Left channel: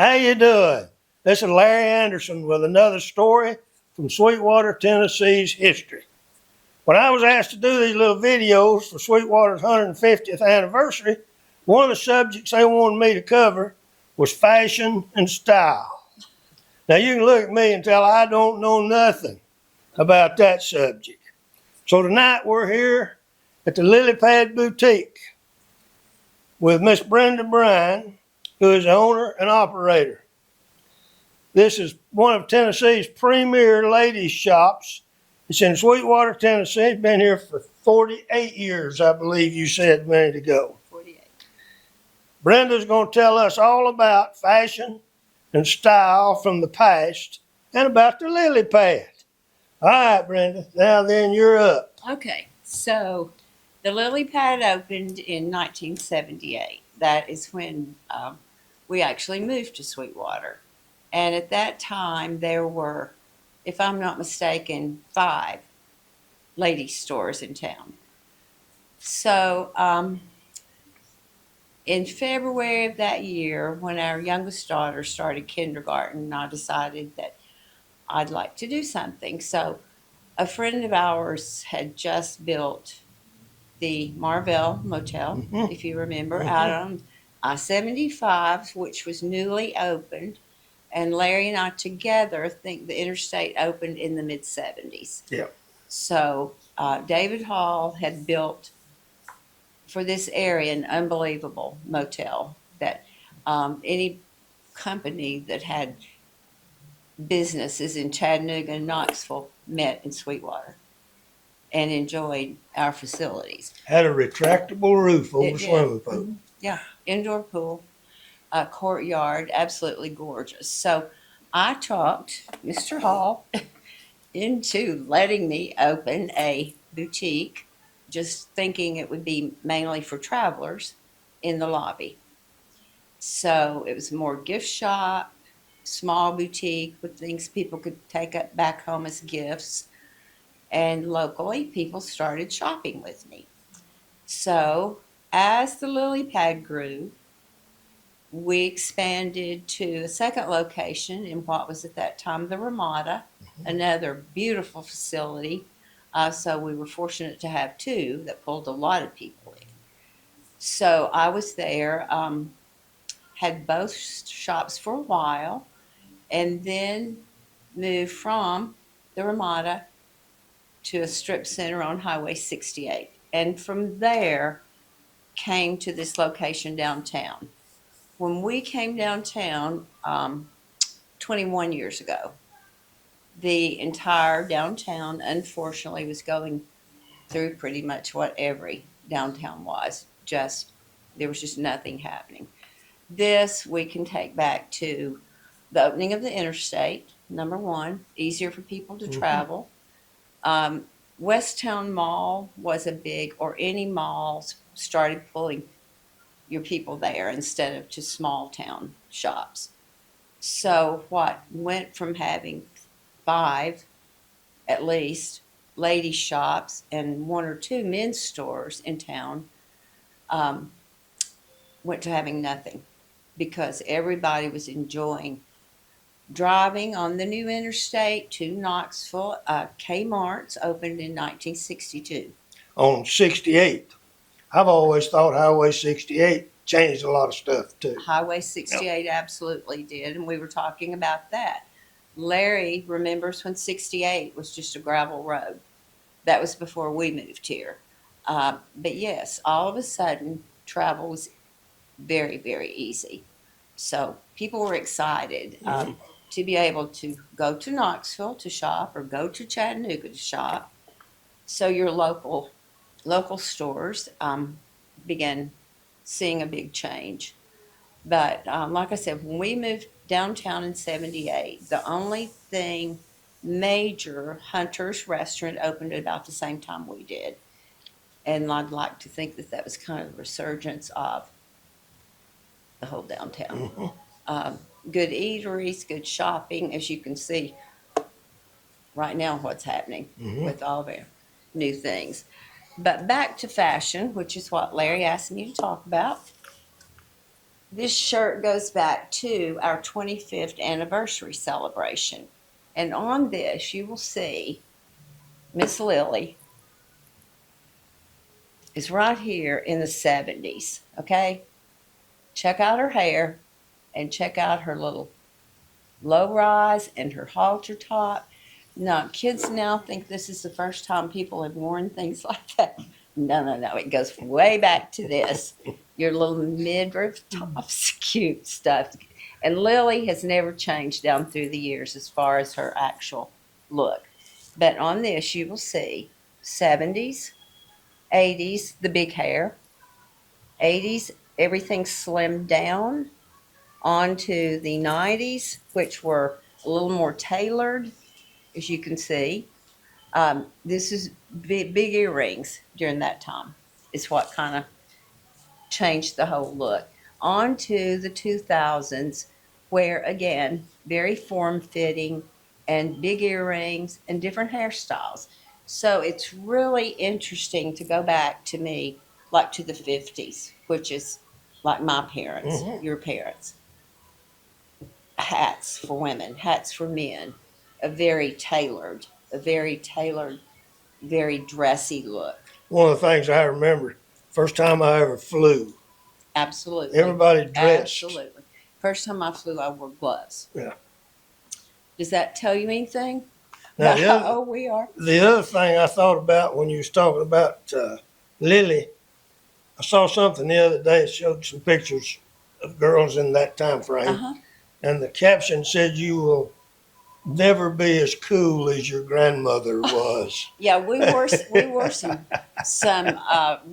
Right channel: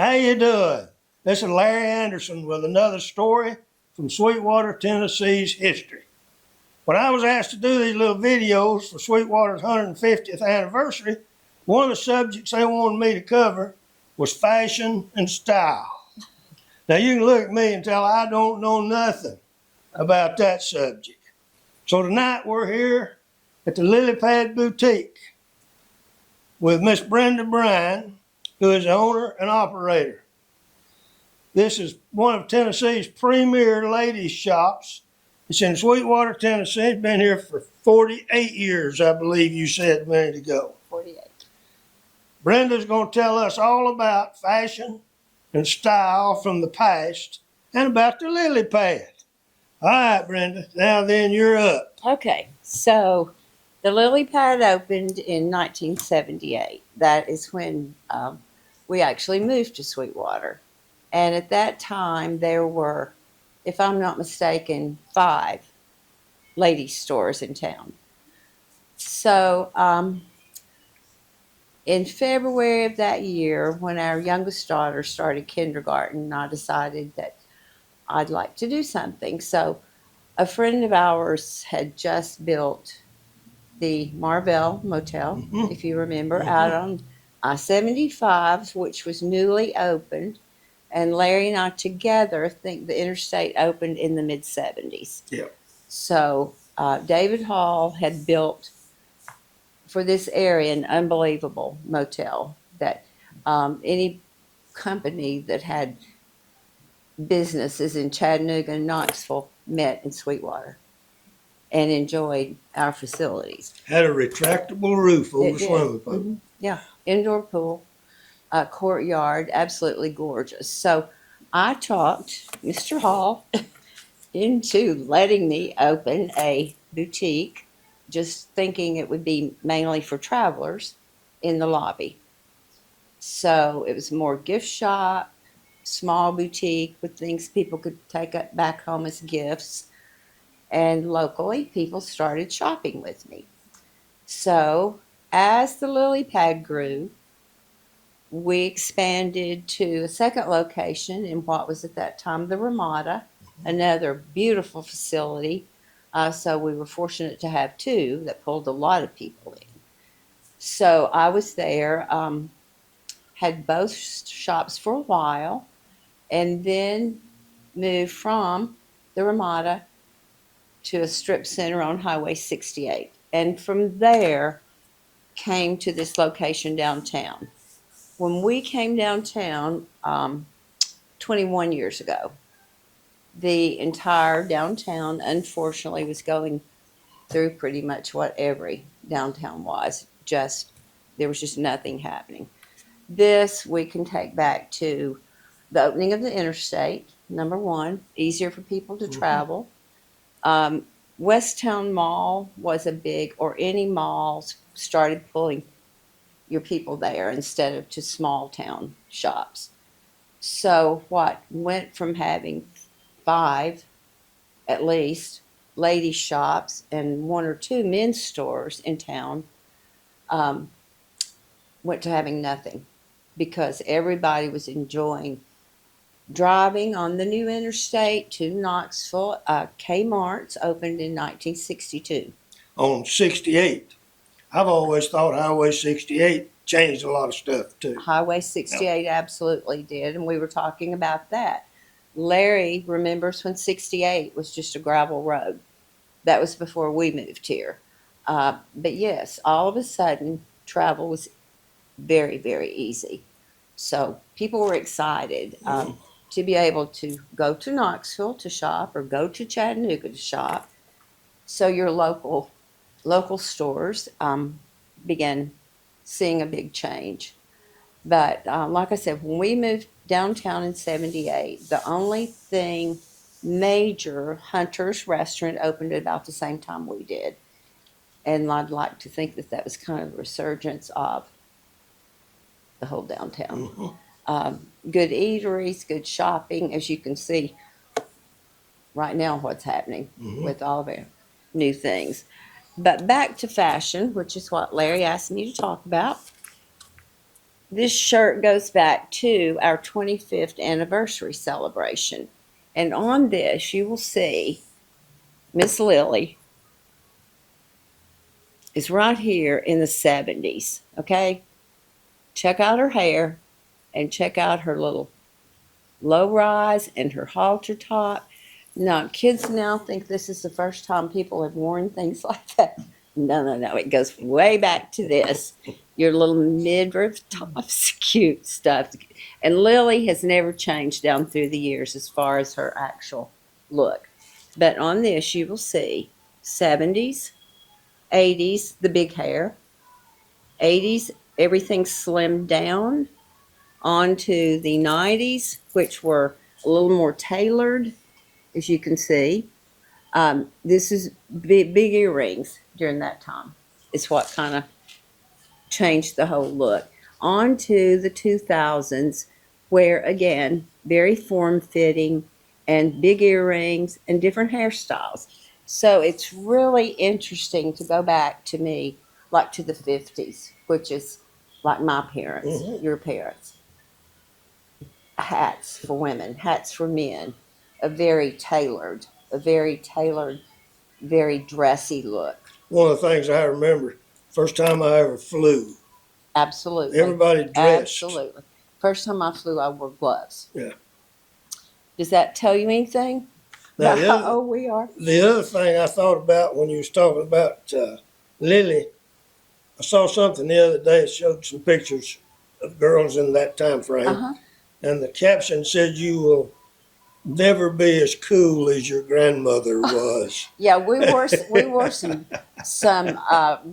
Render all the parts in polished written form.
How you doing? This is Larry Anderson with another story from Sweetwater, Tennessee's history. When I was asked to do these little videos for Sweetwater's 150th anniversary, one of the subjects they wanted me to cover was fashion and style. Now you can look at me and tell I don't know nothing about that subject. So tonight we're here at the Lily Pad Boutique with Miss Brenda Bryan, who is the owner and operator. This is one of Tennessee's premier ladies' shops. It's in Sweetwater, Tennessee. It's been here for 48 years, I believe you said a minute ago. 48. Brenda's going to tell us all about fashion and style from the past and about the lily pad. All right, Brenda, now then you're up. Okay, so the lily pad opened in 1978. That is when we actually moved to Sweetwater. And at that time, there were, if I'm not mistaken, 5 ladies' stores in town. So in February of that year, when our youngest daughter started kindergarten, I decided that I'd like to do something. So a friend of ours had just built the Marvell Motel, if you remember, out on I-75, which was newly opened. And Larry and I together think the interstate opened in the mid-70s. Yeah. So David Hall had built for this area an unbelievable motel that any company that had businesses in Chattanooga and Knoxville met in Sweetwater and enjoyed our facilities. Had a retractable roof over swimming pool. Mm-hmm. Yeah, indoor pool, courtyard, absolutely gorgeous. So I talked Mr. Hall into letting me open a boutique, just thinking it would be mainly for travelers in the lobby. So it was more gift shop, small boutique with things people could take up back home as gifts. And locally, people started shopping with me. So as the lily pad grew, we expanded to a second location in what was at that time the Ramada, another beautiful facility. So we were fortunate to have 2 that pulled a lot of people in. So I was there, had both shops for a while, and then moved from the Ramada to a strip center on Highway 68. And from there came to this location downtown. When we came downtown 21 years ago, the entire downtown, unfortunately, was going through pretty much what every downtown was. Just, there was just nothing happening. This we can take back to the opening of the interstate, number one, easier for people to travel. Westtown Mall was a big, or any malls started pulling your people there instead of to small town shops. So what went from having 5 at least ladies shops and 1 or 2 men's stores in town um, went to having nothing because everybody was enjoying driving on the new interstate to Knoxville. Kmart's opened in 1962. On 68. I've always thought Highway 68 changed a lot of stuff too. Highway 68 absolutely did, and we were talking about that. Larry remembers when 68 was just a gravel road. That was before we moved here. But yes, all of a sudden, travel was very, very easy. So people were excited to be able to go to Knoxville to shop or go to Chattanooga to shop. So your local stores began seeing a big change. But like I said, when we moved downtown in 78, the only thing major, Hunter's Restaurant, opened at about the same time we did. And I'd like to think that that was kind of the resurgence of the whole downtown. Good eateries, good shopping, as you can see right now what's happening with all the new things. But back to fashion, which is what Larry asked me to talk about. This shirt goes back to our 25th anniversary celebration. And on this, you will see Miss Lily is right here in the 70s. Okay? Check out her hair and check out her little low rise and her halter top. Now, kids now think this is the first time people have worn things like that. No, no, no. It goes way back to this. Your little midriff tops, cute stuff. And Lily has never changed down through the years as far as her actual look. But on this, you will see 70s, 80s, the big hair, 80s, everything slimmed down, onto the 90s, which were a little more tailored, as you can see. This is big earrings during that time. It's what kind of changed the whole look. On to the 2000s, where again, very form fitting and big earrings and different hairstyles. So it's really interesting to go back to me, like to the 50s, which is like my parents, your parents. Hats for women, hats for men, a very tailored, very dressy look. One of the things I remember, first time I ever flew, Absolutely. everybody dressed. Absolutely. First time I flew, I wore gloves. Yeah. Does that tell you anything? Now, Oh, we are. the other thing I thought about when you was talking about Lily, I saw something the other day. It showed some pictures of girls in that time frame, Uh-huh. and the caption said, "You will never be as cool as your grandmother was." Yeah, we wore some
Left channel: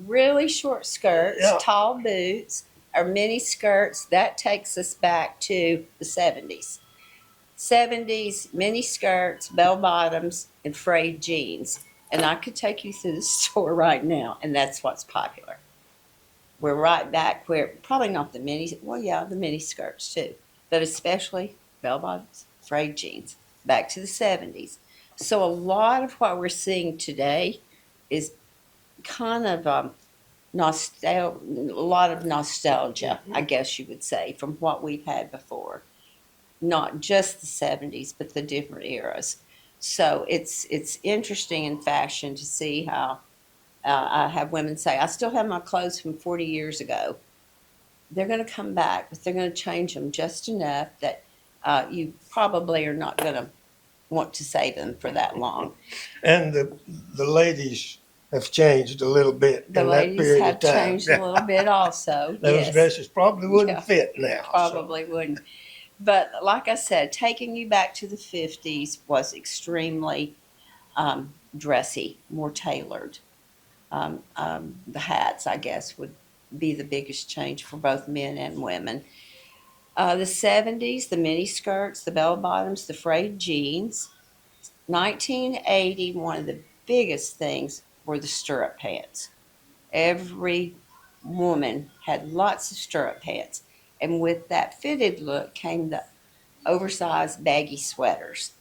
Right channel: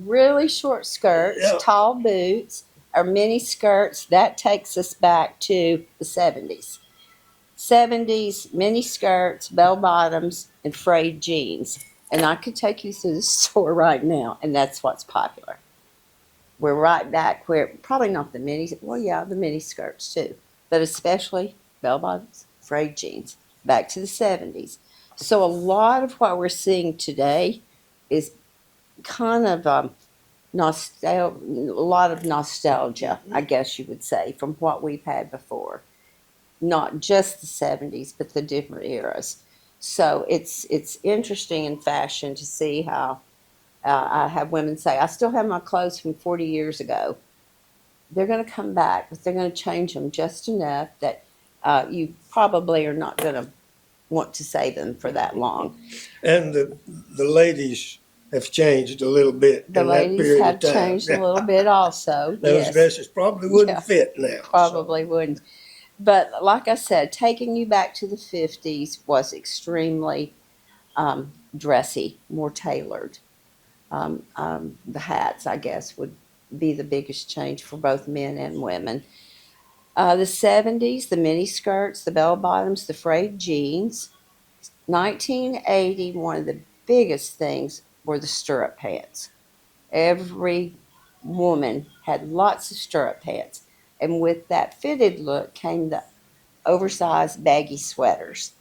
really short skirts, Yeah. tall boots, or mini skirts. That takes us back to the 70s. 70s, mini skirts, bell bottoms, and frayed jeans. And I could take you through the store right now, and that's what's popular. We're right back where, probably not the mini, well, yeah, the mini skirts too, but especially bell bottoms, frayed jeans, back to the 70s. So a lot of what we're seeing today is kind of nostalgia, a lot of nostalgia, I guess you would say, from what we've had before. Not just the 70s, but the different eras. So it's interesting in fashion to see how I have women say, I still have my clothes from 40 years ago. They're going to come back, but they're going to change them just enough that you probably are not going to want to save them for that long. And the ladies have changed a little bit The in that ladies period have of time. changed a little bit also. Those Yes, dresses probably wouldn't Yeah. fit now. so. probably wouldn't. But like I said, taking you back to the 50s was extremely dressy, more tailored. The hats, I guess, would be the biggest change for both men and women. The 70s, the mini skirts, the bell bottoms, the frayed jeans. 1980, one of the biggest things were the stirrup pants. Every woman had lots of stirrup pants. And with that fitted look came the oversized baggy sweaters.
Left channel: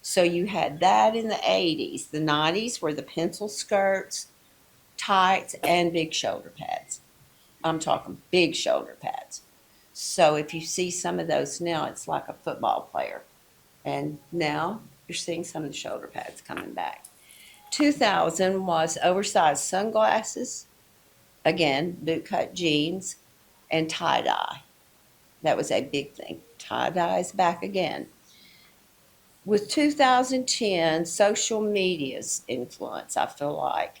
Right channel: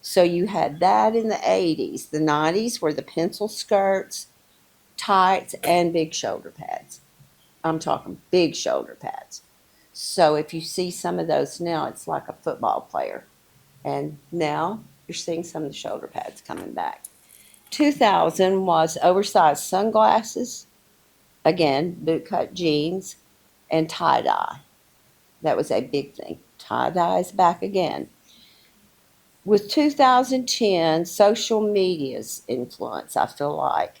So you had that in the 80s. The 90s were the pencil skirts, tights, and big shoulder pads. I'm talking big shoulder pads. So if you see some of those now, it's like a football player. And now you're seeing some of the shoulder pads coming back. 2000 was oversized sunglasses, again, bootcut jeans, and tie dye. That was a big thing. Tie dye is back again. With 2010, social media's influence, I feel like,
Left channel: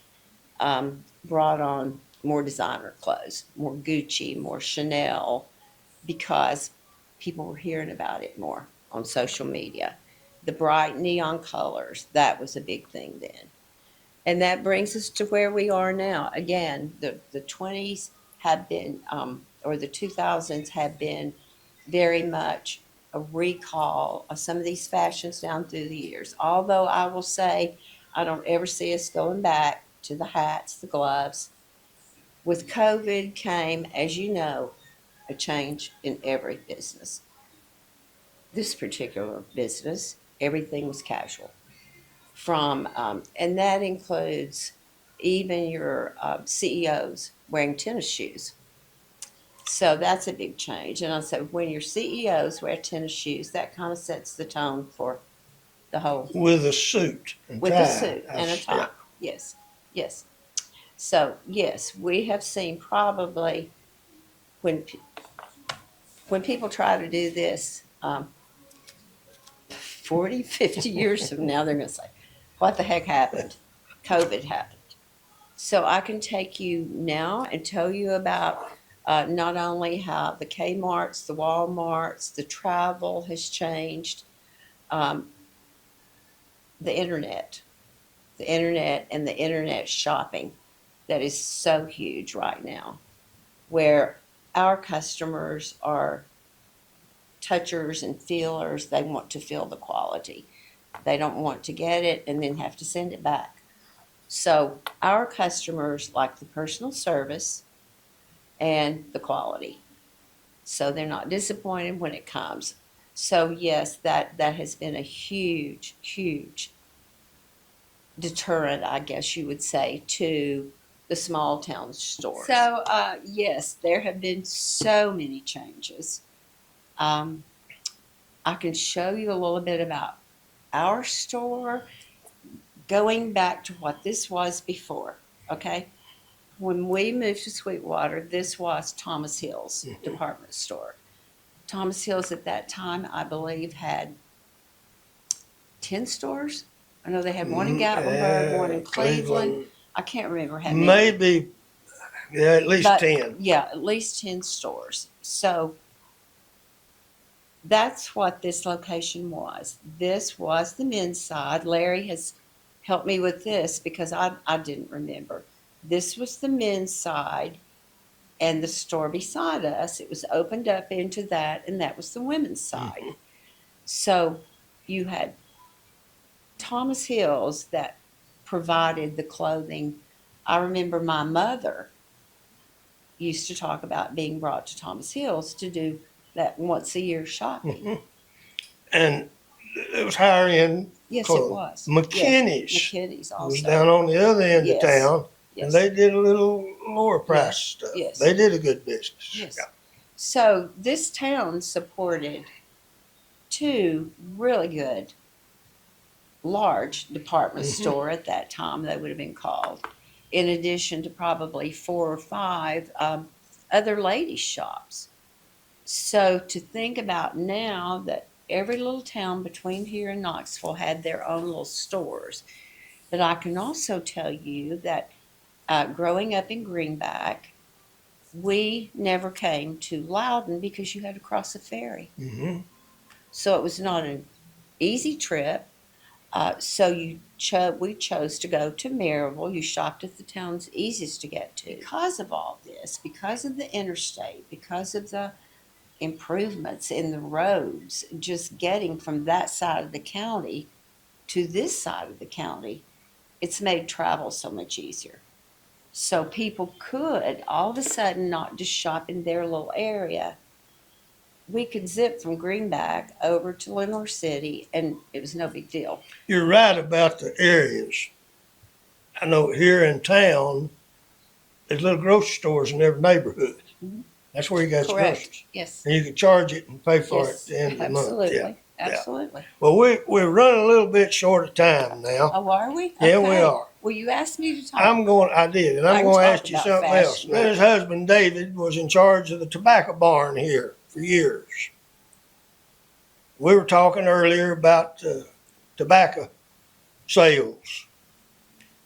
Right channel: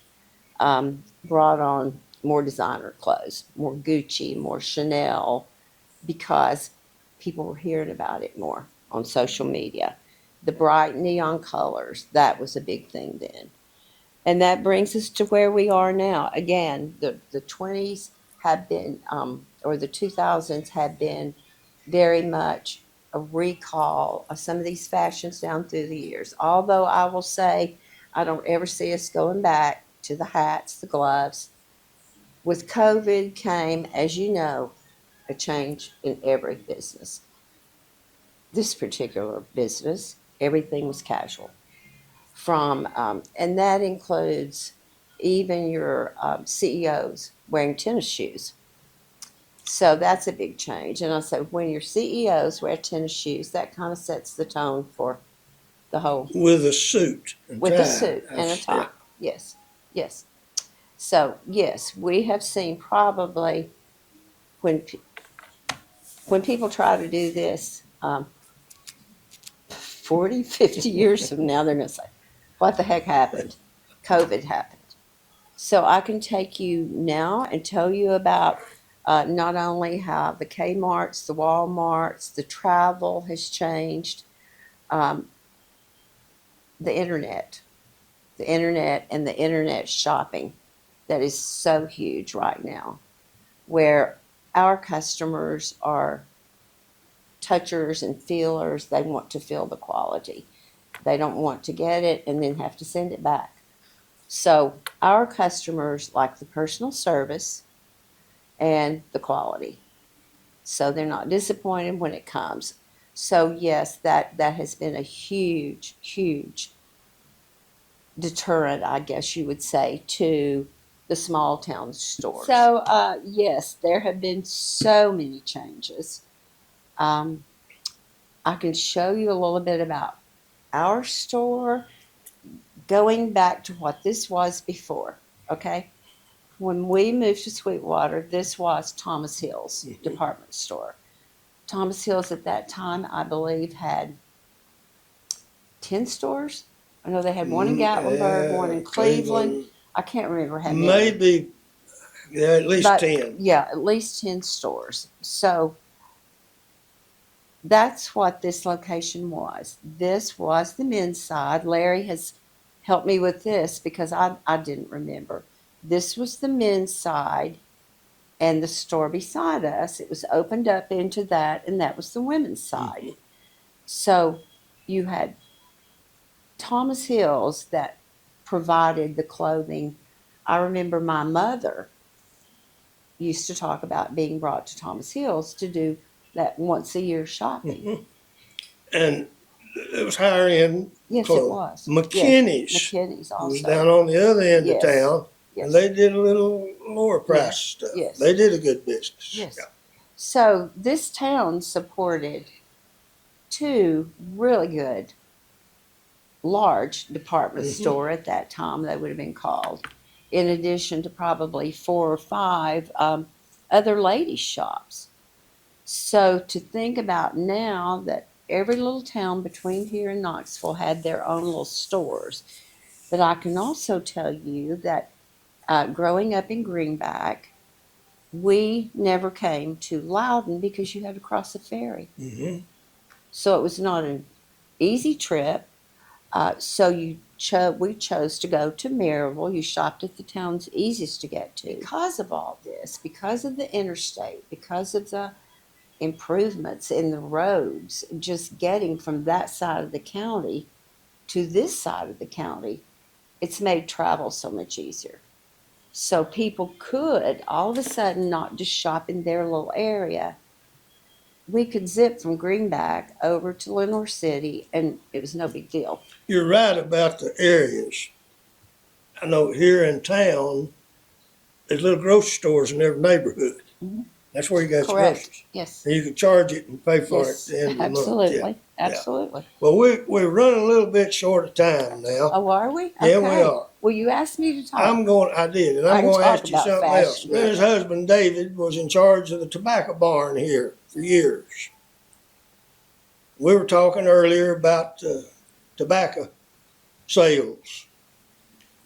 brought on more designer clothes, more Gucci, more Chanel, because people were hearing about it more on social media. The bright neon colors, that was a big thing then. And that brings us to where we are now. Again, the 20s have been, or the 2000s have been very much a recall of some of these fashions down through the years. Although I will say, I don't ever see us going back to the hats, the gloves. With COVID came, as you know, a change in every business. This particular business, everything was casual. And that includes even your CEOs wearing tennis shoes. So that's a big change. And I said, when your CEOs wear tennis shoes, that kind of sets the tone for the whole, With a suit and with tie. a suit and a tie. Yeah. Yes, yes. So yes, we have seen probably when when people try to do this 40, 50 years from now, they're going to say, what the heck happened? COVID happened. So I can take you now and tell you about not only how the Kmart's, the Walmart's, the travel has changed, um, the internet and the internet shopping that is so huge right now, where our customers are touchers and feelers. They want to feel the quality. They don't want to get it and then have to send it back. So our customers like the personal service and the quality. So they're not disappointed when it comes. So yes, that has been a huge, huge deterrent, I guess you would say, to the small town stores. So yes, there have been so many changes. Um, I can show you a little bit about our store, going back to what this was before. Okay, when we moved to Sweetwater, this was Thomas Hill's department store. Thomas Hill's at that time, I believe, had 10 stores. I know they had one in Gatlinburg, one in Cleveland. I can't remember how many. Maybe, yeah, at least But, 10. Yeah, at least 10 stores. So that's what this location was. This was the men's side. Larry has helped me with this because I didn't remember. This was the men's side, and the store beside us, it was opened up into that, and that was the women's side. Mm-hmm. So you had Thomas Hills that provided the clothing. I remember my mother used to talk about being brought to Thomas Hills to do that once a year shopping. Mm-hmm. And it was higher end Yes, clothing. it was. McKinney's Yes, McKinney's also was down on the other end Yes. of town, Yes. and they did a little lower price Yes. stuff. Yes. They did a good business. Yes. Yeah. So this town supported two really good large department store at that time, they would have been called, in addition to probably 4 or 5 other ladies' shops. So to think about now that every little town between here and Knoxville had their own little stores. But I can also tell you that growing up in Greenback, we never came to Loudon because you had to cross a ferry. Mm-hmm. So it was not an easy trip. So we chose to go to Maryville. You shopped at the towns easiest to get to. Because of all this, because of the interstate, because of the improvements in the roads, just getting from that side of the county to this side of the county, it's made travel so much easier. So people could all of a sudden not just shop in their little area. We could zip from Greenback over to Lenore City, and it was no big deal. You're right about the areas. I know here in town, there's little grocery stores in every neighborhood. Mm-hmm. That's where you got your Correct. groceries. Yes. And you can charge it and pay for Yes. it at the end of the Absolutely. month. Yeah. Absolutely. Well, we're running a little bit short of time now. Oh, are we? Yeah, we Okay. are. Well, you asked me to talk. I did, and I I'm can going to talk ask you about something else. fashion. His husband, David, was in charge of the tobacco barn here for years. We were talking earlier about tobacco sales.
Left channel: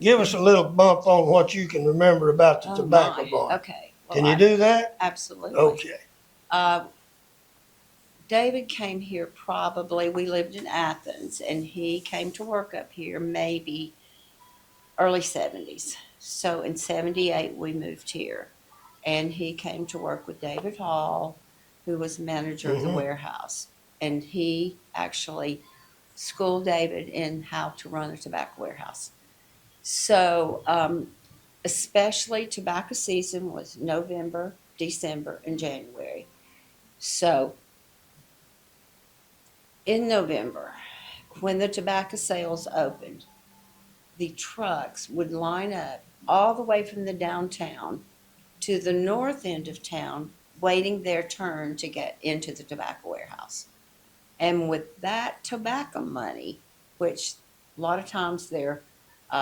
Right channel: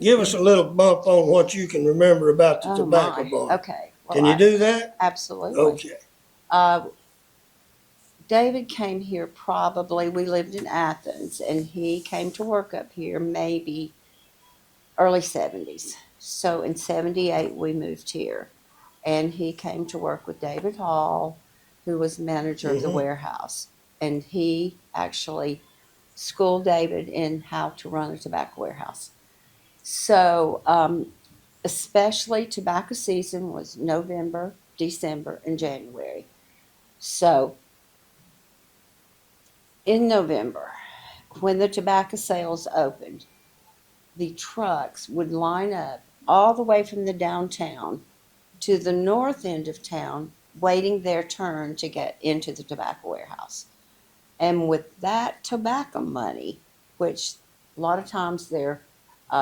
Give us a little bump on what you can remember about the tobacco barn. Okay. Well, Can you do that? Absolutely. Okay. David came here probably, we lived in Athens, and he came to work up here maybe early 70s. So in 78, we moved here. And he came to work with David Hall, who was manager of the warehouse. And he actually schooled David in how to run a tobacco warehouse. So, especially tobacco season was November, December, and January. So, in November, when the tobacco sales opened, the trucks would line up all the way from the downtown to the north end of town waiting their turn to get into the tobacco warehouse. And with that tobacco money, which a lot of times their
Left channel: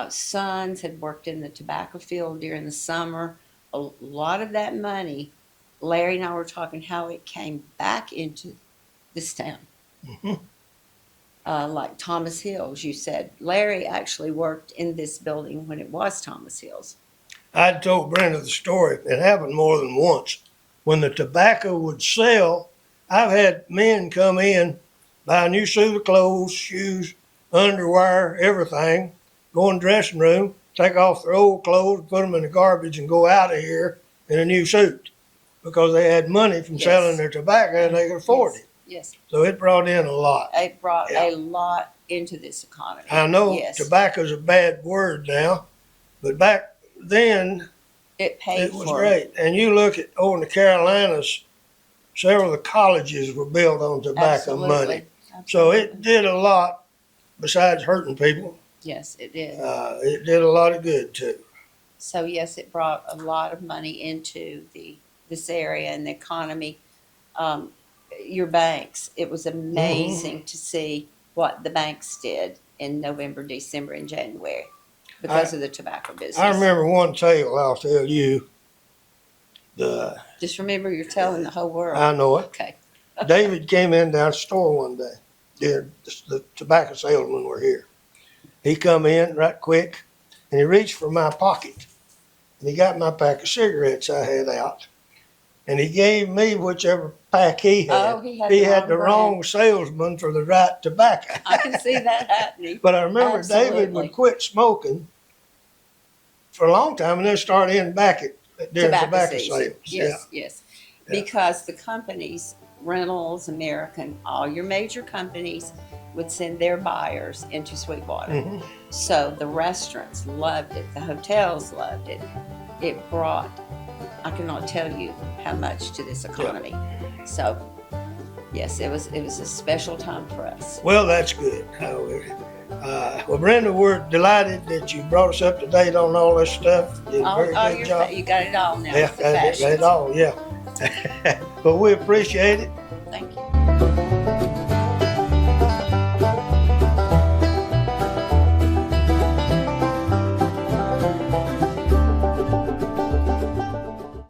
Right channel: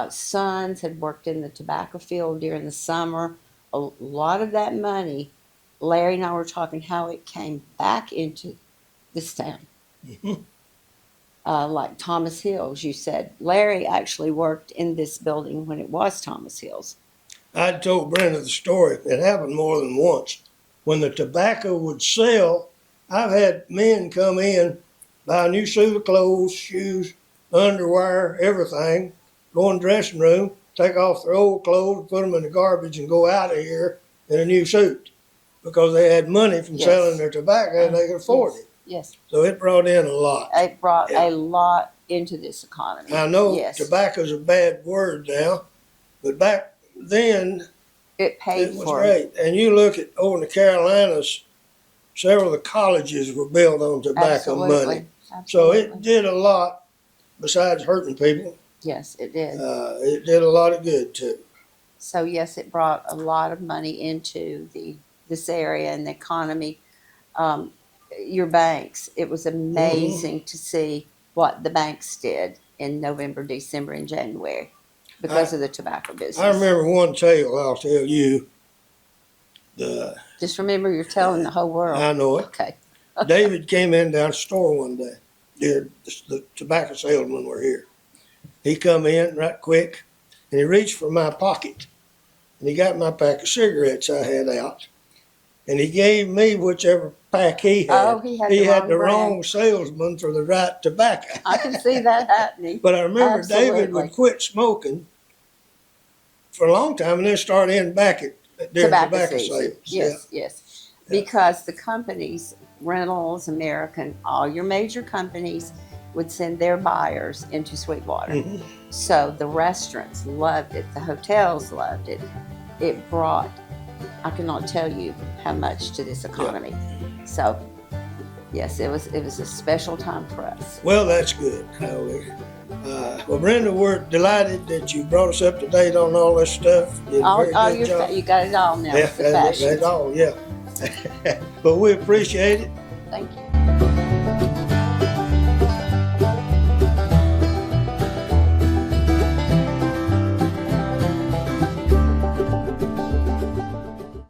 sons had worked in the tobacco field during the summer, a lot of that money, Larry and I were talking how it came back into this town. Mhm. Like Thomas Hills, you said. Larry actually worked in this building when it was Thomas Hills. I told Brenda the story. It happened more than once. When the tobacco would sell, I've had men come in, buy a new suit of clothes, shoes, underwear, everything, go in the dressing room, take off their old clothes, put them in the garbage, and go out of here in a new suit because they had money from Yes. selling their tobacco and they could afford Yes. it. Yes. So it brought in a lot. It brought Yeah. a lot into this economy. I know Yes. tobacco's a bad word now, but back then It paid it was for great. And you look at over in the Carolinas, several of the colleges were built on tobacco Absolutely. money. So Absolutely. it did a lot besides hurting people. Yes, it did. It did a lot of good too. So yes, it brought a lot of money into this area and the economy. Um, your banks, it was amazing to see what the banks did in November, December, and January because of the tobacco business. I remember one tale I'll tell you. Just remember, you're telling the whole world. I know it. Okay. David came in down the store one day. The tobacco salesman were here. He come in right quick and he reached for my pocket and he got my pack of cigarettes I had out. And he gave me whichever pack he had. Oh, he had the the wrong salesman for the right tobacco. I can see that happening. But I remember David Absolutely. would quit smoking for a long time and then start in back at during tobacco season. sales. Yes, yes. Yeah. Because the companies, Reynolds, American, all your major companies would send their buyers into Sweetwater. Mhm. So the restaurants loved it, the hotels loved it. It brought, I cannot tell you how much to this economy. So yes, it was a special time for us. Well, that's good. Well, Brenda, we're delighted that you brought us up to date on all this stuff. You did a very good job. You got it all now. Yeah, with the that's fashions. all, yeah. But we appreciate it.